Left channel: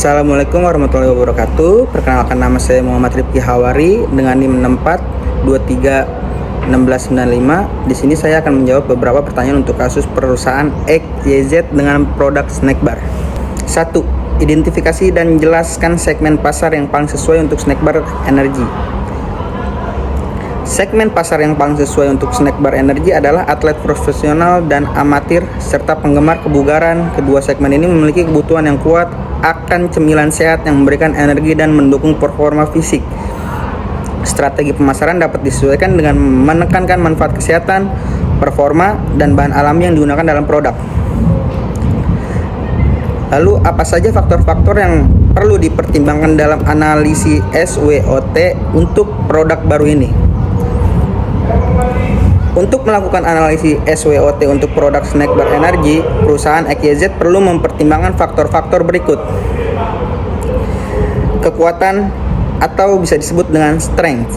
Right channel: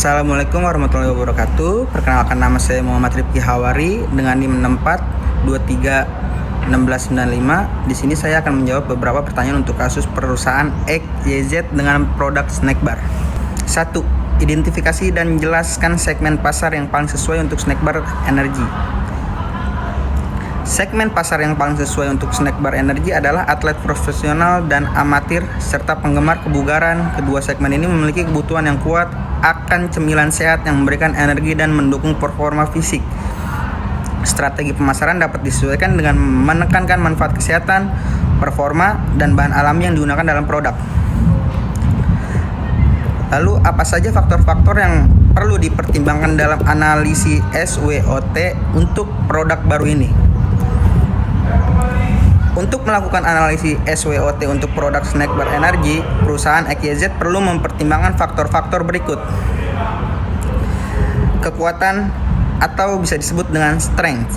Assalamualaikum warahmatullahi wabarakatuh. Perkenalkan, nama saya Muhammad Rifki Hawari dengan NIM 64231695. Di sini saya akan menjawab beberapa pertanyaan untuk kasus perusahaan XYZ dengan produk snack bar. 1. Identifikasi dan jelaskan segmen pasar yang paling sesuai untuk snack bar energi. Segmen pasar yang paling sesuai untuk snack bar energi adalah atlet profesional dan amatir serta penggemar kebugaran. Kedua segmen ini memiliki kebutuhan yang kuat akan cemilan sehat yang memberikan energi dan mendukung performa fisik. Strategi pemasaran dapat disesuaikan dengan menekankan manfaat kesehatan, performa, dan bahan alami yang digunakan dalam produk. Lalu, apa saja faktor-faktor yang perlu dipertimbangkan dalam analisis SWOT untuk produk baru ini? Untuk melakukan analisis SWOT untuk produk snack bar energi, perusahaan XYZ perlu mempertimbangkan faktor-faktor berikut. Kekuatan atau bisa disebut dengan strength,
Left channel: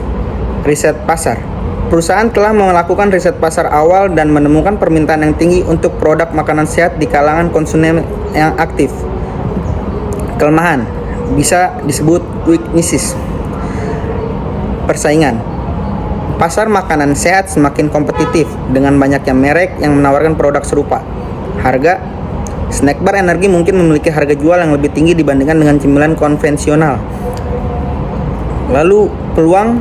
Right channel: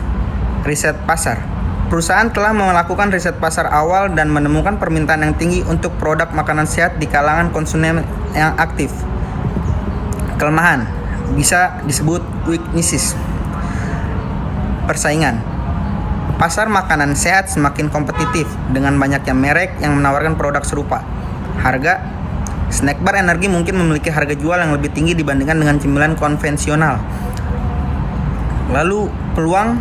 riset pasar. Perusahaan telah melakukan riset pasar awal dan menemukan permintaan yang tinggi untuk produk makanan sehat di kalangan konsumen yang aktif. Kelemahan bisa disebut weaknesses. Persaingan. Pasar makanan sehat semakin kompetitif dengan banyaknya merek yang menawarkan produk serupa. Harga. Snack bar energi mungkin memiliki harga jual yang lebih tinggi dibandingkan dengan cemilan konvensional. Lalu, peluang.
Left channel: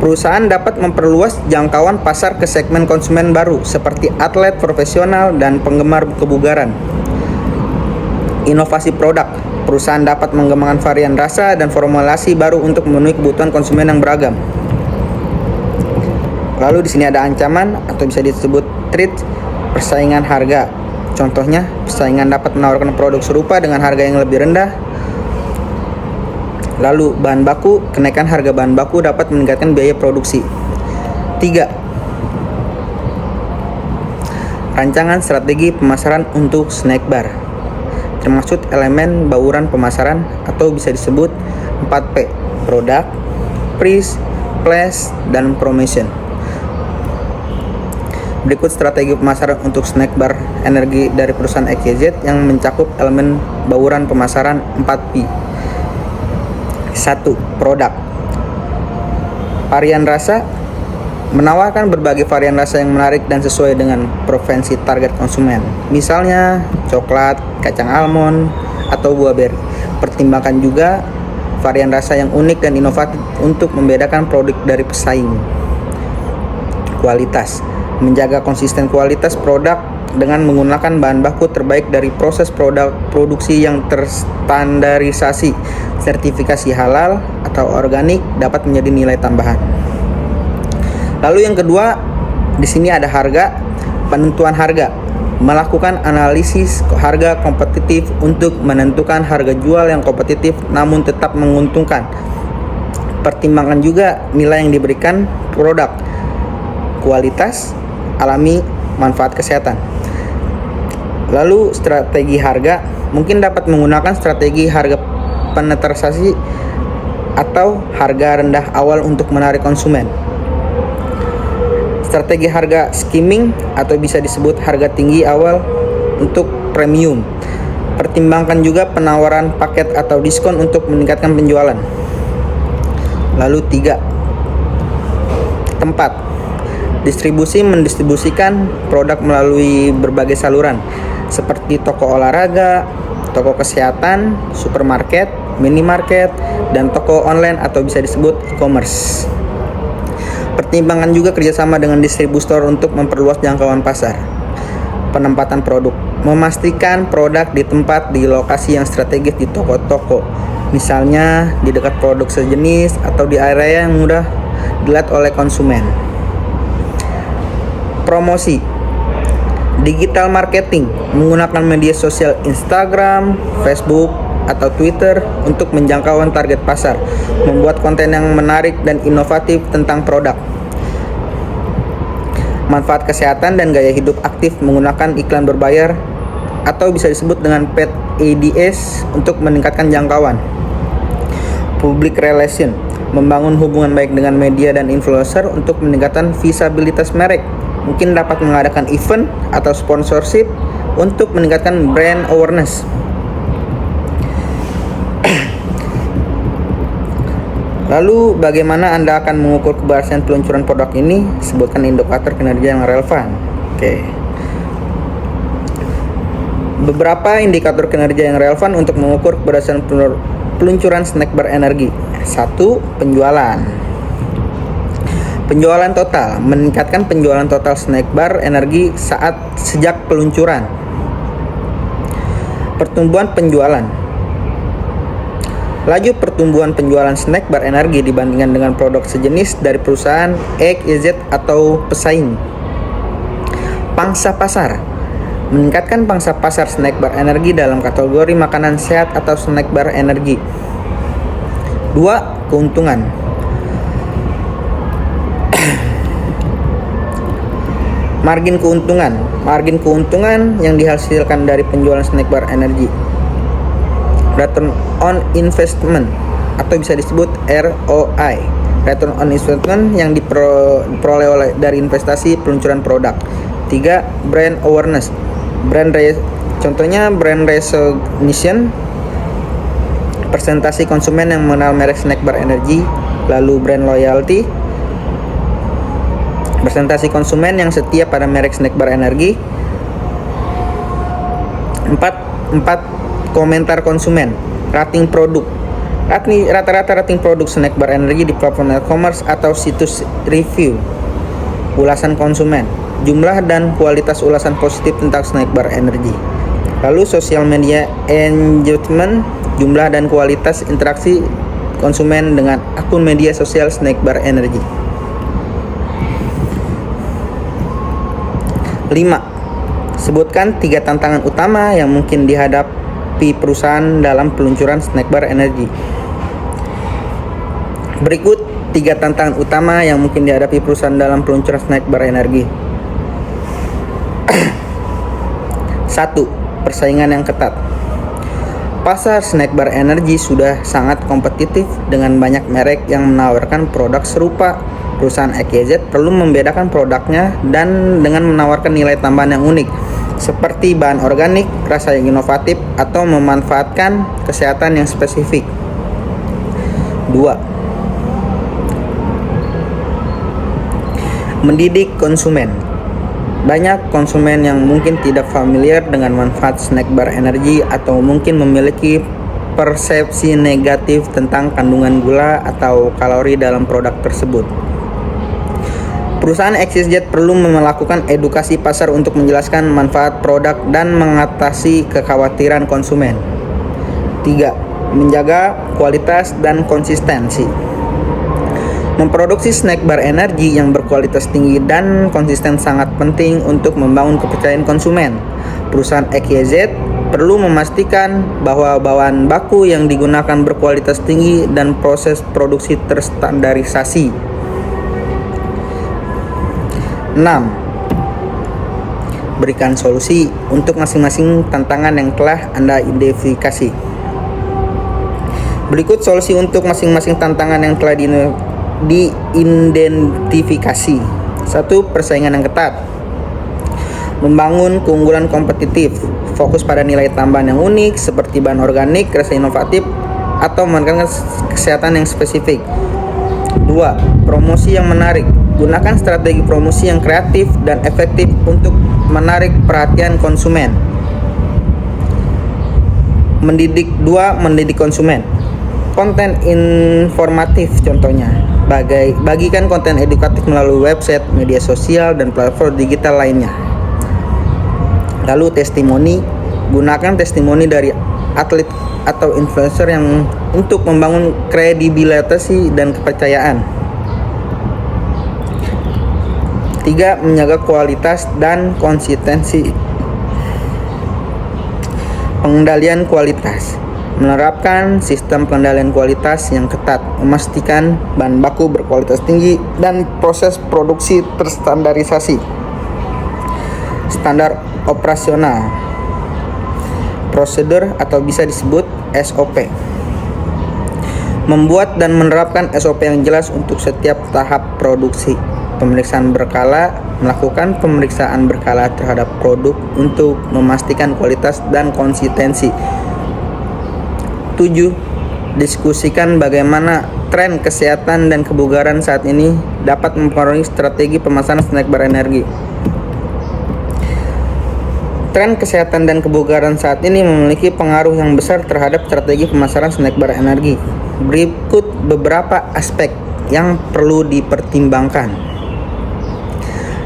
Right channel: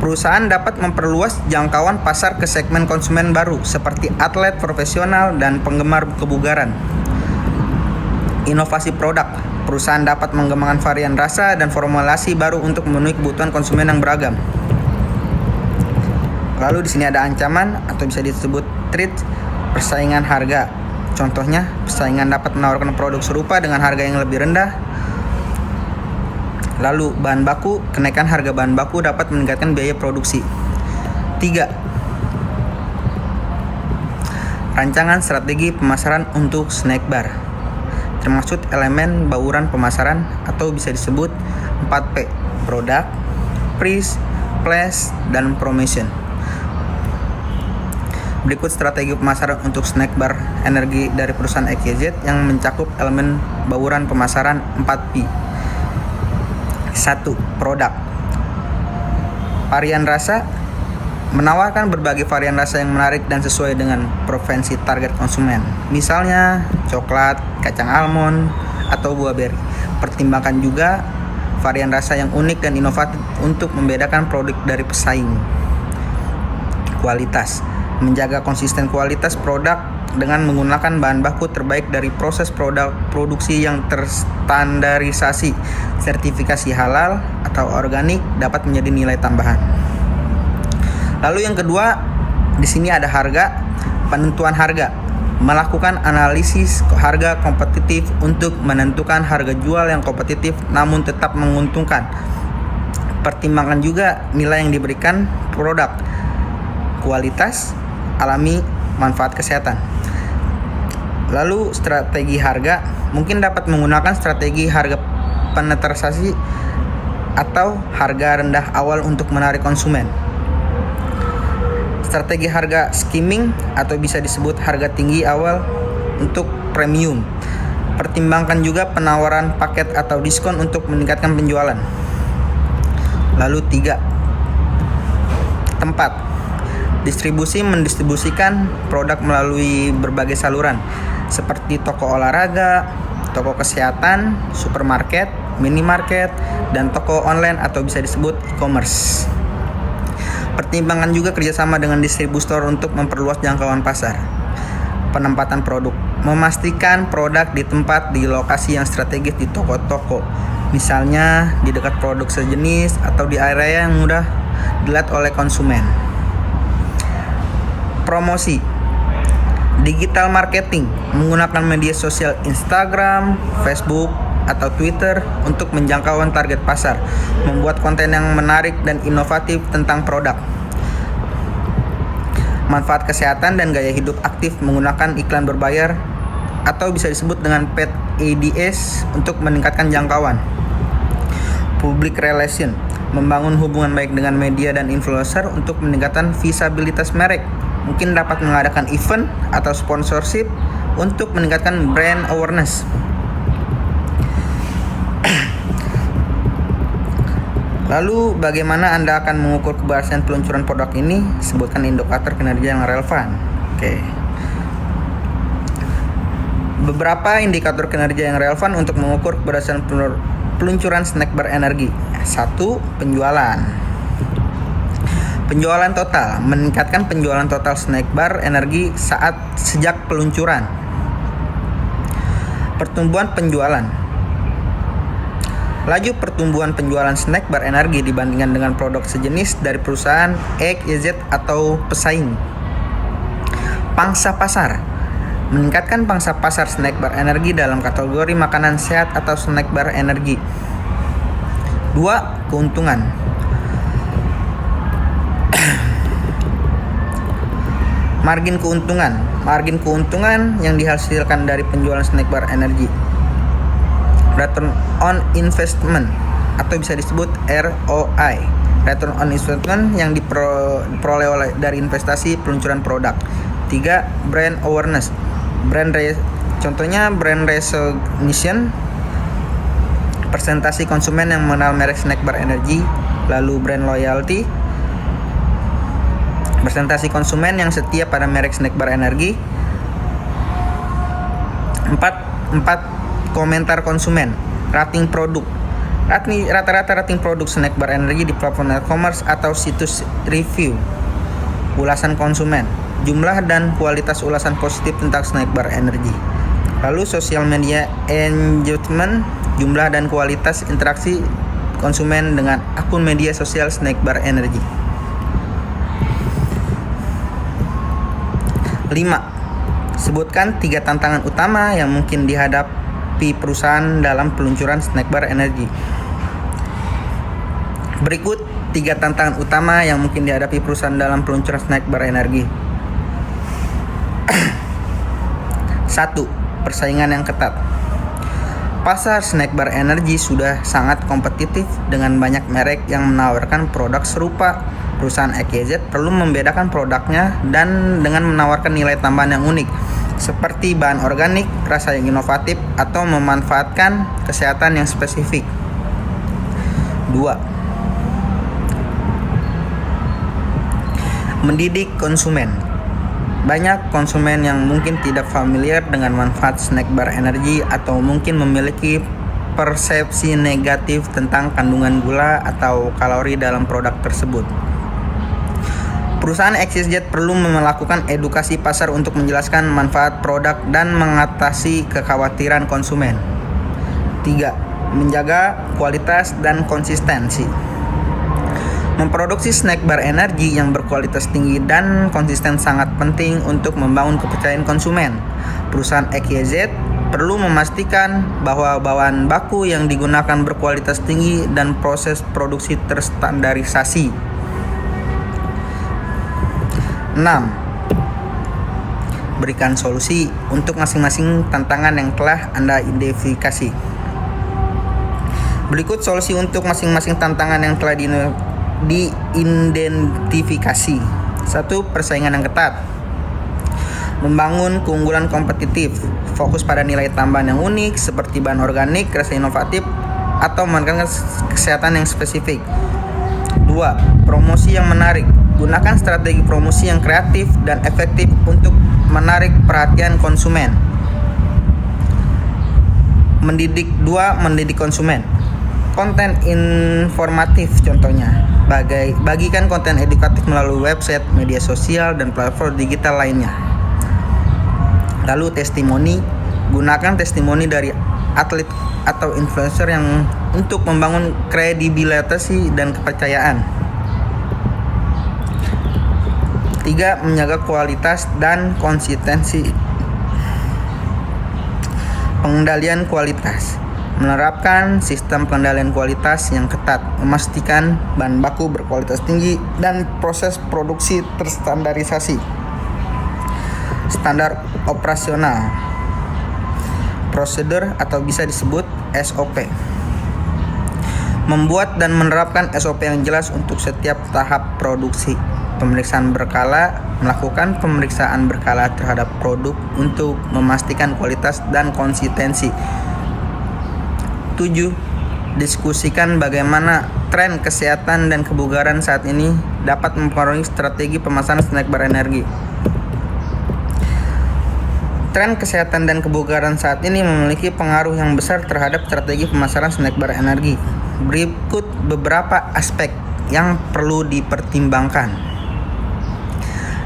Perusahaan dapat memperluas jangkauan pasar ke segmen konsumen baru seperti atlet profesional dan penggemar kebugaran. Inovasi produk. Perusahaan dapat mengembangkan varian rasa dan formulasi baru untuk memenuhi kebutuhan konsumen yang beragam. Lalu di sini ada ancaman atau bisa disebut threat, persaingan harga. Contohnya, persaingan dapat menawarkan produk serupa dengan harga yang lebih rendah. Lalu bahan baku, kenaikan harga bahan baku dapat meningkatkan biaya produksi. 3. Rancangan strategi pemasaran untuk snack bar, termasuk elemen bauran pemasaran atau bisa disebut 4P, produk, price, place, dan promotion. Berikut strategi pemasaran untuk snack bar energi dari perusahaan XYZ yang mencakup elemen bauran pemasaran 4P. 1. Produk. Varian rasa. Menawarkan berbagai varian rasa yang menarik dan sesuai dengan preferensi target konsumen. Misalnya, coklat, kacang almond, atau buah beri. Pertimbangkan juga varian rasa yang unik dan inovatif untuk membedakan produk dari pesaing. Kualitas. Menjaga konsisten kualitas produk dengan menggunakan bahan baku terbaik dari proses produksi yang terstandarisasi. Sertifikasi halal atau organik dapat menjadi nilai tambahan. Lalu yang kedua, di sini ada harga, penentuan harga. Melakukan analisis harga kompetitif untuk menentukan harga jual yang kompetitif namun tetap menguntungkan. Pertimbangkan juga nilai yang diberikan produk, kualitas, alami, manfaat kesehatan. Lalu strategi harga, mungkin dapat menggunakan strategi harga penetrasi atau harga rendah awal untuk menarik konsumen. Strategi harga skimming atau bisa disebut harga tinggi awal untuk premium. Pertimbangkan juga penawaran paket atau diskon untuk meningkatkan penjualan. Lalu 3. Tempat. Distribusi, mendistribusikan produk melalui berbagai saluran seperti toko olahraga, toko kesehatan, supermarket, minimarket, dan toko online atau bisa disebut e-commerce. Pertimbangkan juga kerjasama dengan distributor untuk memperluas jangkauan pasar. Penempatan produk. Memastikan produk di tempat di lokasi yang strategis di toko-toko. Misalnya di dekat produk sejenis atau di area yang mudah dilihat oleh konsumen. Promosi. Digital marketing. Menggunakan media sosial Instagram, Facebook, atau Twitter untuk menjangkau target pasar, membuat konten yang menarik dan inovatif tentang produk. Manfaat kesehatan dan gaya hidup aktif menggunakan iklan berbayar atau bisa disebut dengan paid ads untuk meningkatkan jangkauan. Public relation, membangun hubungan baik dengan media dan influencer untuk meningkatkan visibilitas merek. Mungkin dapat mengadakan event atau sponsorship untuk meningkatkan brand awareness. Lalu bagaimana Anda akan mengukur keberhasilan peluncuran produk ini? Sebutkan indikator kinerja yang relevan. Oke. Beberapa indikator kinerja yang relevan untuk mengukur keberhasilan peluncuran snack bar energi. 1. Penjualan. Penjualan total, meningkatkan penjualan total snack bar energi sejak peluncuran. Pertumbuhan penjualan. Laju pertumbuhan penjualan snack bar energi dibandingkan dengan produk sejenis dari perusahaan XYZ atau pesaing. Pangsa pasar. Meningkatkan pangsa pasar snack bar energi dalam kategori makanan sehat atau snack bar energi. 2. Keuntungan. Margin keuntungan. Margin keuntungan yang dihasilkan dari penjualan snack bar energi. Return on investment atau bisa disebut ROI. Return on investment yang diperoleh dari investasi peluncuran produk. 3. Brand awareness. Contohnya brand recognition, persentase konsumen yang mengenal merek snack bar energi. Lalu brand loyalty, persentase konsumen yang setia pada merek snack bar energi. 4. Komentar konsumen. Rating produk. Rata-rata rating produk snack bar energi di platform e-commerce atau situs review. Ulasan konsumen. Jumlah dan kualitas ulasan positif tentang snack bar energi. Lalu social media engagement. Jumlah dan kualitas interaksi konsumen dengan akun media sosial snack bar energi. 5. Sebutkan 3 tantangan utama yang mungkin dihadapi perusahaan dalam peluncuran snack bar energi. Berikut 3 tantangan utama yang mungkin dihadapi perusahaan dalam peluncuran snack bar energi. 1. Persaingan yang ketat. Pasar snack bar energi sudah sangat kompetitif dengan banyak merek yang menawarkan produk serupa. Perusahaan XYZ perlu membedakan produknya dan dengan menawarkan nilai tambahan yang unik, seperti bahan organik, rasa yang inovatif, atau memanfaatkan kesehatan yang spesifik. 2. Mendidik konsumen. Banyak konsumen yang mungkin tidak familiar dengan manfaat snack bar energi atau mungkin memiliki persepsi negatif tentang kandungan gula atau kalori dalam produk tersebut. Perusahaan XYZ perlu melakukan edukasi pasar untuk menjelaskan manfaat produk dan mengatasi kekhawatiran konsumen. 3. Menjaga kualitas dan konsistensi. Memproduksi snack bar energi yang berkualitas tinggi dan konsisten sangat penting untuk membangun kepercayaan konsumen. Perusahaan XYZ perlu memastikan bahwa bahan baku yang digunakan berkualitas tinggi dan proses produksi terstandarisasi. 6. Berikan solusi untuk masing-masing tantangan yang telah Anda identifikasi. Berikut solusi untuk masing-masing tantangan yang telah diidentifikasi. 1. Persaingan yang ketat. Membangun keunggulan kompetitif. Fokus pada nilai tambahan yang unik seperti bahan organik, rasa inovatif, atau menekankan kesehatan yang spesifik. 2. Promosi yang menarik. Gunakan strategi promosi yang kreatif dan efektif untuk menarik perhatian konsumen. Mendidik konsumen. Konten informatif contohnya. Bagikan konten edukatif melalui website, media sosial, dan platform digital lainnya. Lalu testimoni. Gunakan testimoni dari atlet atau influencer yang untuk membangun kredibilitas dan kepercayaan. 3. Menjaga kualitas dan konsistensi. Pengendalian kualitas. Menerapkan sistem pengendalian kualitas yang ketat, memastikan bahan baku berkualitas tinggi dan proses produksi terstandarisasi. Standar operasional. Prosedur atau bisa disebut SOP. Membuat dan menerapkan SOP yang jelas untuk setiap tahap produksi. Pemeriksaan berkala, melakukan pemeriksaan berkala terhadap produk untuk memastikan kualitas dan konsistensi. 7. Diskusikan bagaimana tren kesehatan dan kebugaran saat ini dapat mempengaruhi strategi pemasaran snack bar energi. Tren kesehatan dan kebugaran saat ini memiliki pengaruh yang besar terhadap strategi pemasaran snack bar energi. Berikut beberapa aspek yang perlu dipertimbangkan.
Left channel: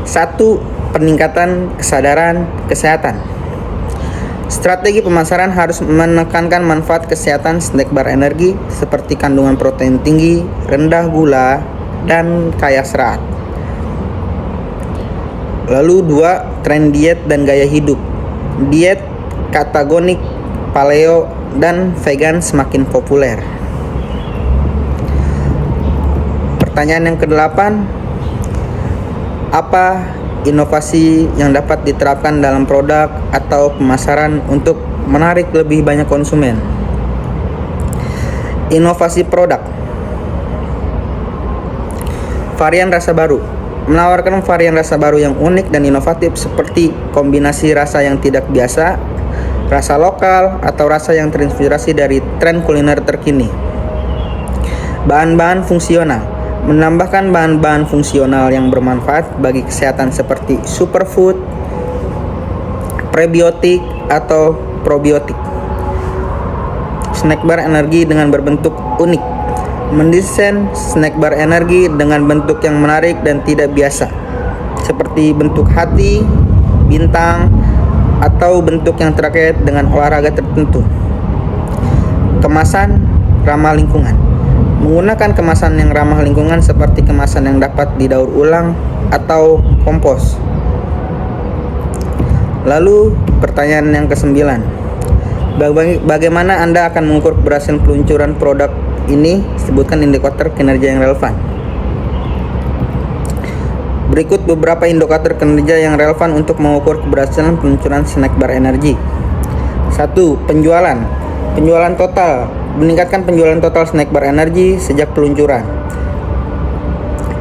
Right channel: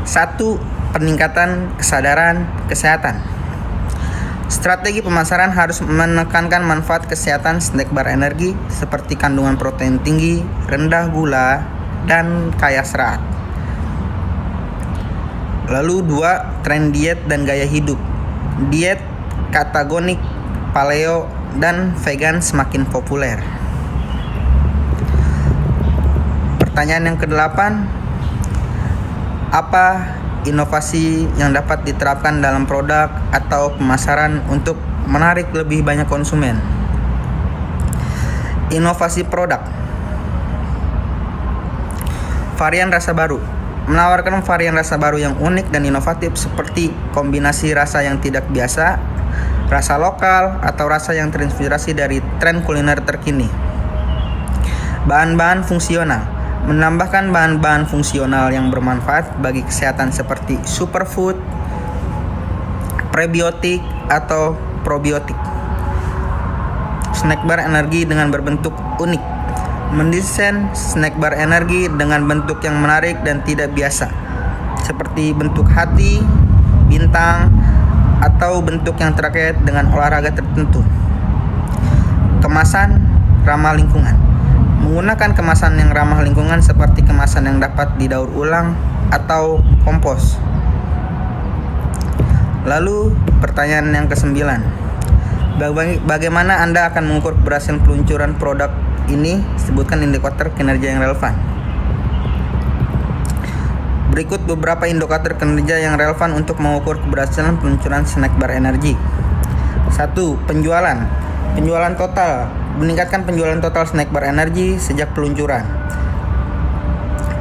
1. Peningkatan kesadaran kesehatan. Strategi pemasaran harus menekankan manfaat kesehatan snack bar energi seperti kandungan protein tinggi, rendah gula, dan kaya serat. Lalu 2. Tren diet dan gaya hidup. Diet ketogenik, paleo, dan vegan semakin populer. Pertanyaan yang ke-8, apa inovasi yang dapat diterapkan dalam produk atau pemasaran untuk menarik lebih banyak konsumen? Inovasi produk. Varian rasa baru. Menawarkan varian rasa baru yang unik dan inovatif seperti kombinasi rasa yang tidak biasa, rasa lokal, atau rasa yang terinspirasi dari tren kuliner terkini. Bahan-bahan fungsional. Menambahkan bahan-bahan fungsional yang bermanfaat bagi kesehatan seperti superfood, prebiotik, atau probiotik. Snack bar energi dengan berbentuk unik. Mendesain snack bar energi dengan bentuk yang menarik dan tidak biasa, seperti bentuk hati, bintang, atau bentuk yang terkait dengan olahraga tertentu. Kemasan ramah lingkungan. Menggunakan kemasan yang ramah lingkungan seperti kemasan yang dapat didaur ulang atau kompos. Lalu pertanyaan yang ke-9, bagaimana Anda akan mengukur keberhasilan peluncuran produk ini? Sebutkan indikator kinerja yang relevan. Berikut beberapa indikator kinerja yang relevan untuk mengukur keberhasilan peluncuran snack bar energi. 1. Penjualan. Penjualan total. Meningkatkan penjualan total snack bar energi sejak peluncuran.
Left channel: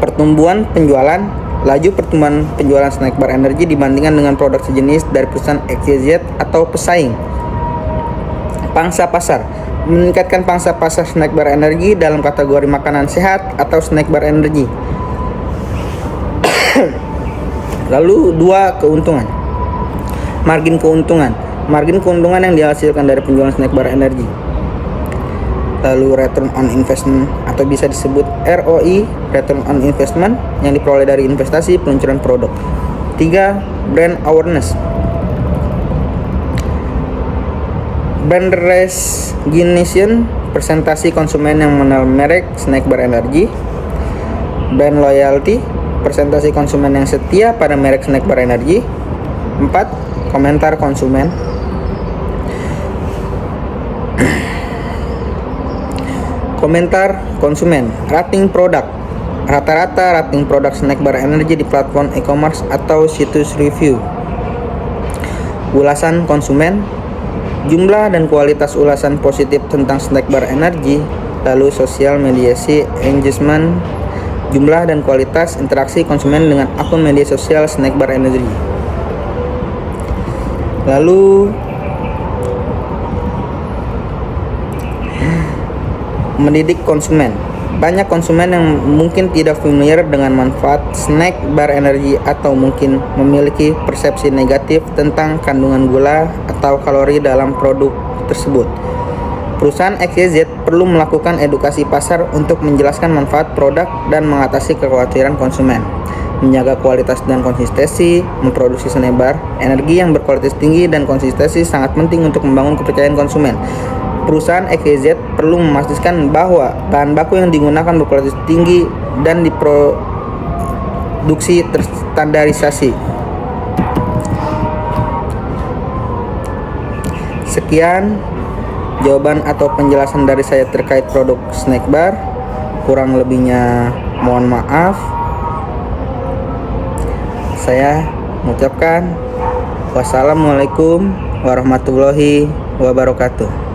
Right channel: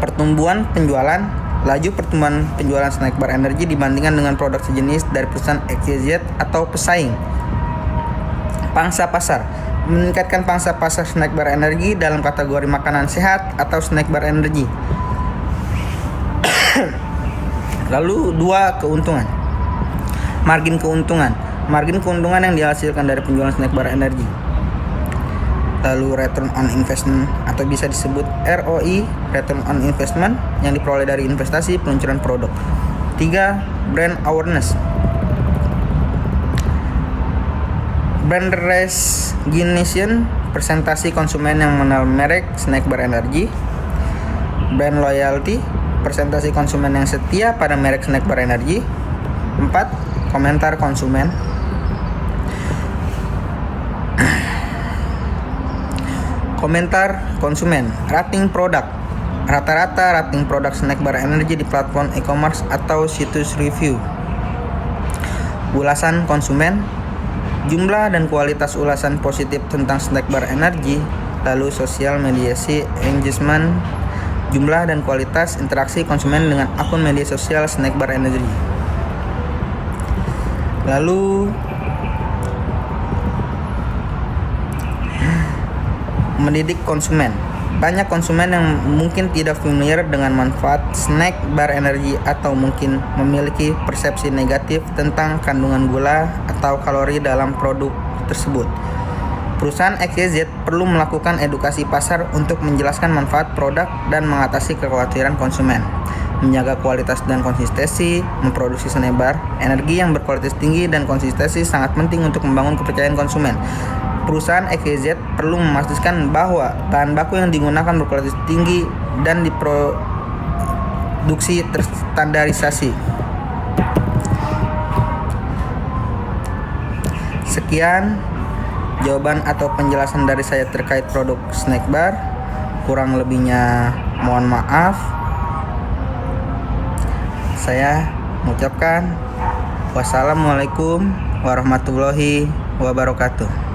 Pertumbuhan penjualan. Laju pertumbuhan penjualan snack bar energi dibandingkan dengan produk sejenis dari perusahaan XYZ atau pesaing. Pangsa pasar. Meningkatkan pangsa pasar snack bar energi dalam kategori makanan sehat atau snack bar energi. Lalu 2. Keuntungan. Margin keuntungan. Margin keuntungan yang dihasilkan dari penjualan snack bar energi. Lalu return on investment atau bisa disebut ROI, return on investment, yang diperoleh dari investasi peluncuran produk. 3. Brand awareness. Brand recognition, presentasi konsumen yang mengenal merek snack bar energi. Brand loyalty, presentasi konsumen yang setia pada merek snack bar energi. 4. Komentar konsumen. Komentar konsumen. Rating produk. Rata-rata rating produk snack bar energi di platform e-commerce atau situs review. Ulasan konsumen. Jumlah dan kualitas ulasan positif tentang snack bar energi. Lalu sosial mediasi engagement. Jumlah dan kualitas interaksi konsumen dengan akun media sosial snack bar energi. Lalu mendidik konsumen. Banyak konsumen yang mungkin tidak familiar dengan manfaat snack bar energi atau mungkin memiliki persepsi negatif tentang kandungan gula atau kalori dalam produk tersebut. Perusahaan XYZ perlu melakukan edukasi pasar untuk menjelaskan manfaat produk dan mengatasi kekhawatiran konsumen. Menjaga kualitas dan konsistensi. Memproduksi snack bar energi yang berkualitas tinggi dan konsistensi sangat penting untuk membangun kepercayaan konsumen. Perusahaan XYZ perlu memastikan bahwa bahan baku yang digunakan berkualitas tinggi dan diproduksi terstandarisasi. Sekian jawaban atau penjelasan dari saya terkait produk snack bar. Kurang lebihnya mohon maaf. Saya mengucapkan wassalamualaikum warahmatullahi wabarakatuh.